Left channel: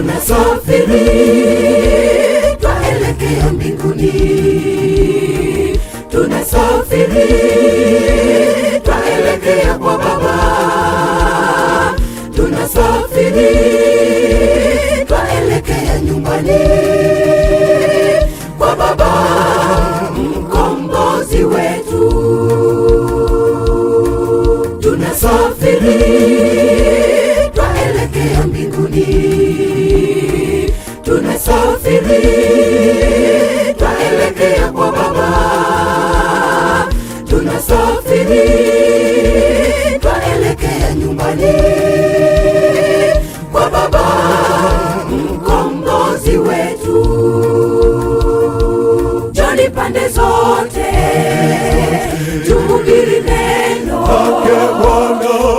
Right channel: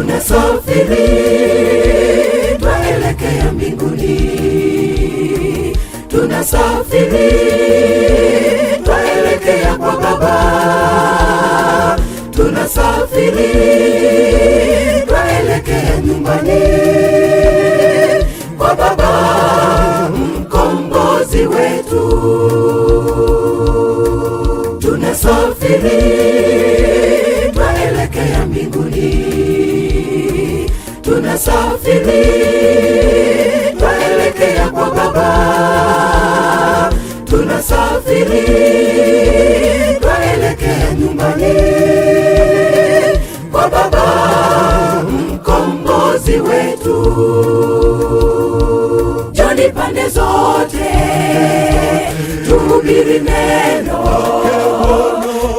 tunasafiri twaelekea mbinguni, tunasafiri twaelekea kwa Baba, tunasafiri twaelekea nyumbani kwa Baba mkombozi wetu. Tunasafiri twaelekea mbinguni, tunasafiri twaelekea kwa Baba, tunasafiri twaelekea nyumbani kwa Baba mkombozi wetu. Njoni pande zote tuhubiri neno,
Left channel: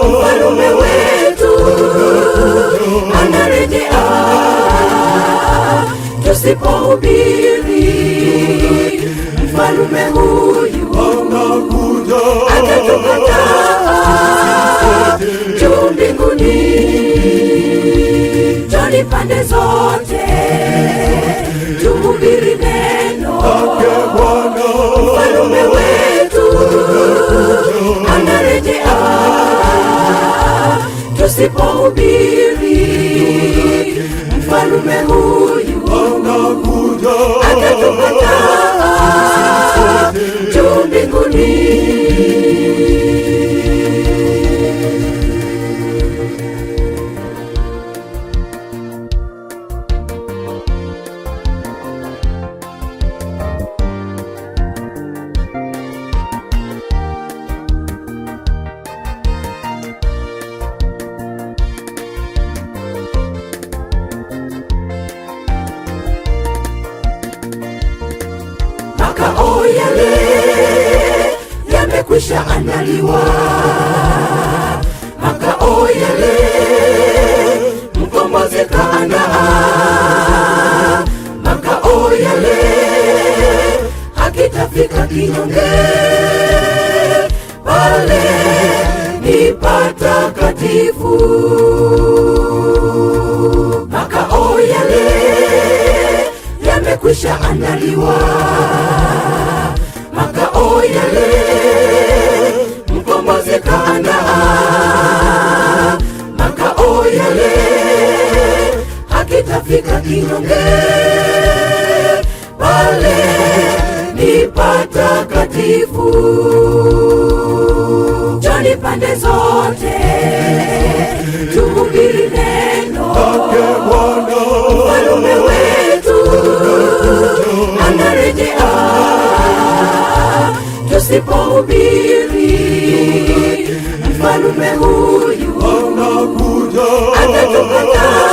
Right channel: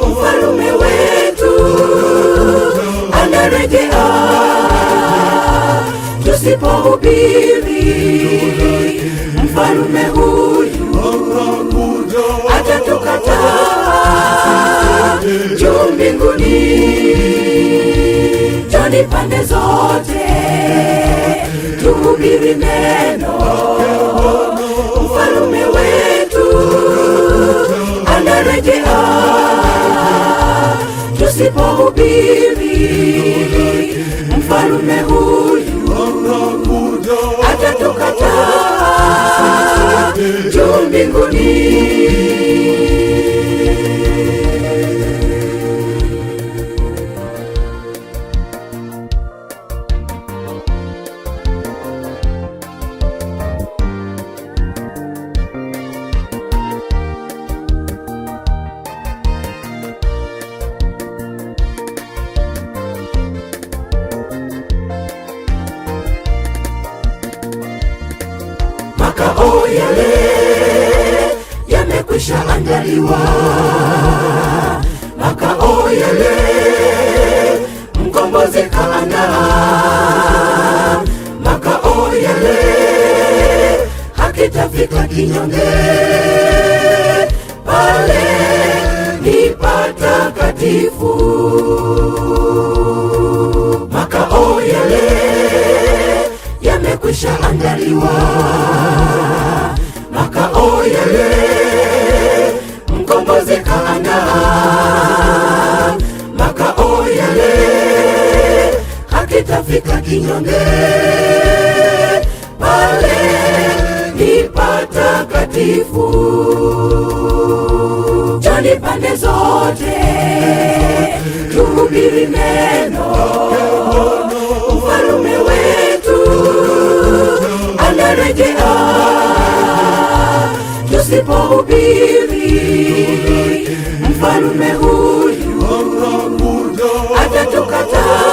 mfalme wetu anarejea. Tusipohubiri mfalme huyu atatukataa juu mbinguni. Njoni pande zote tuhubiri neno, mfalme wetu anarejea. Tusipohubiri mfalme huyu atatukataa juu mbinguni. Makao yale yamekwisha andaliwa, makao yale mkombozi kaandaa, makao yale hakitafika kinyonge, pale ni patakatifu. Makao yale yamekwisha andaliwa, makao yale mkombozi kaandaa, makao yale hakitafika kinyonge, pale ni patakatifu. Njoni pande zote tuhubiri neno, mfalme wetu anarejea. Tusipohubiri mfalme huyu atatukataa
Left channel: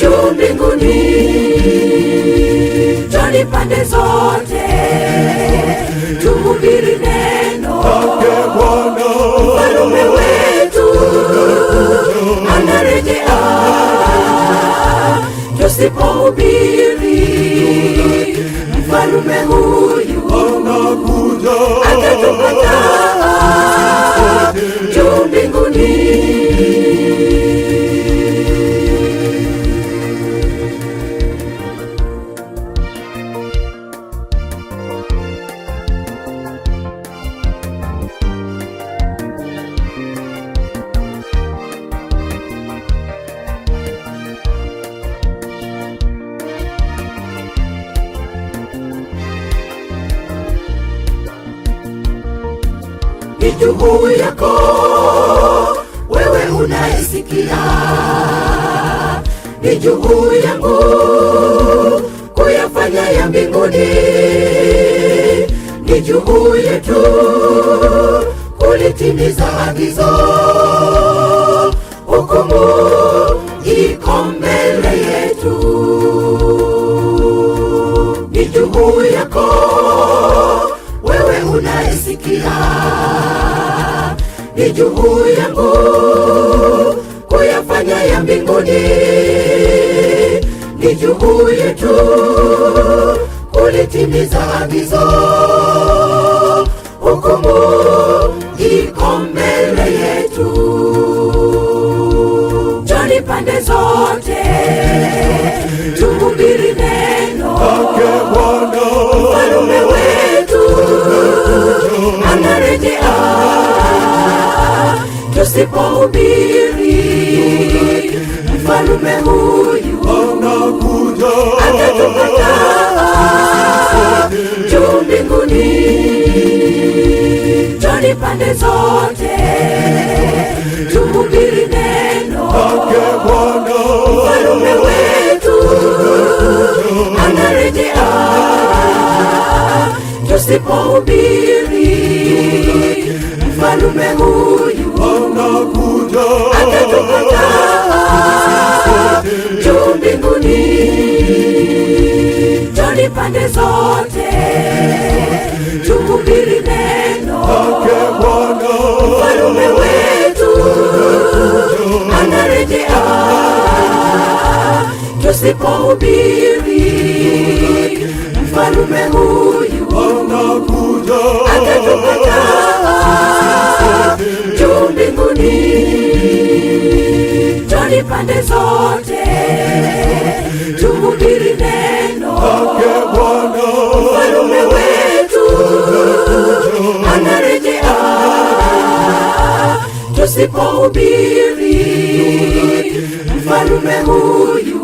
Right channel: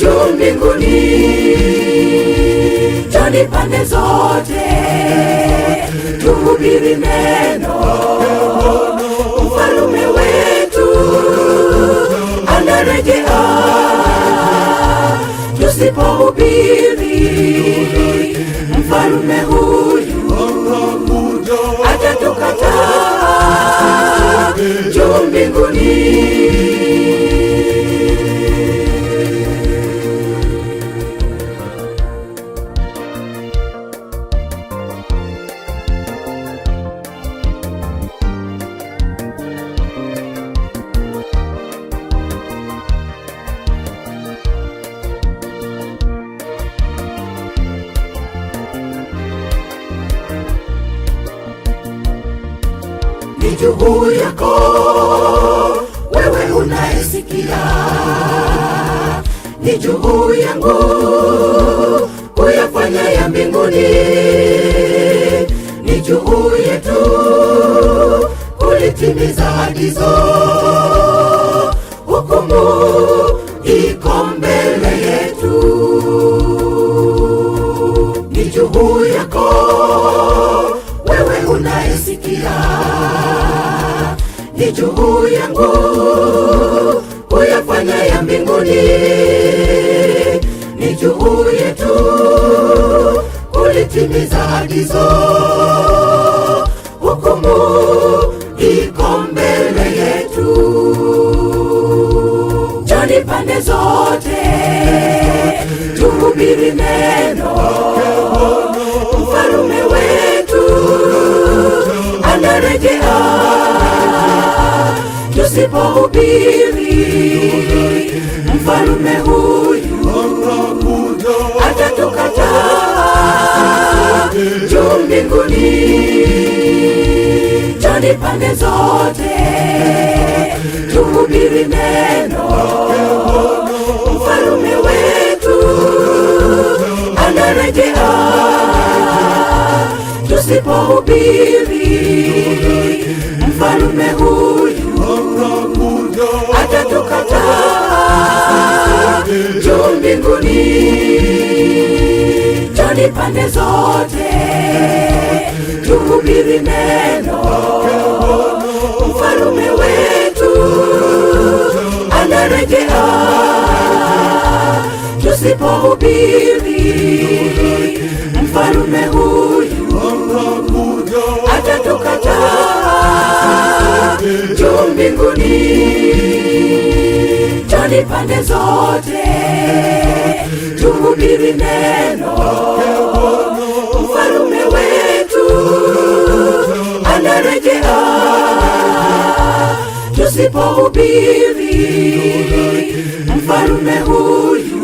juu mbinguni. Njoni pande zote tuhubiri neno, mfalme wetu anarejea. Tusipohubiri mfalme huyu atatukataa juu mbinguni. Ni juu yako wewe unayesikia, ni juu yangu kuyafanya ya mbinguni, ni juu yetu kulitimiza agizo. Hukumu iko mbele yetu, ni juu yako wewe unayesikia, ni juu yangu kuyafanya ya mbinguni, ni juu yetu kulitimiza agizo. Hukumu iko mbele yetu. Njoni pande zote, tuhubiri neno. Mfalme wetu anarejea, tusipohubiri mfalme huyu atatukataa juu mbinguni. Twende pande zote, tuhubiri neno. Mfalme wetu anarejea, tusipohubiri mfalme huyu atatukataa juu mbinguni. Twende pande zote, tuhubiri neno. Mfalme wetu anarejea, tusipohubiri mfalme huyu atatukataa juu mbinguni. Twende pande zote, tuhubiri neno. Mfalme wetu anarejea, tusipohubiri mfalme huyu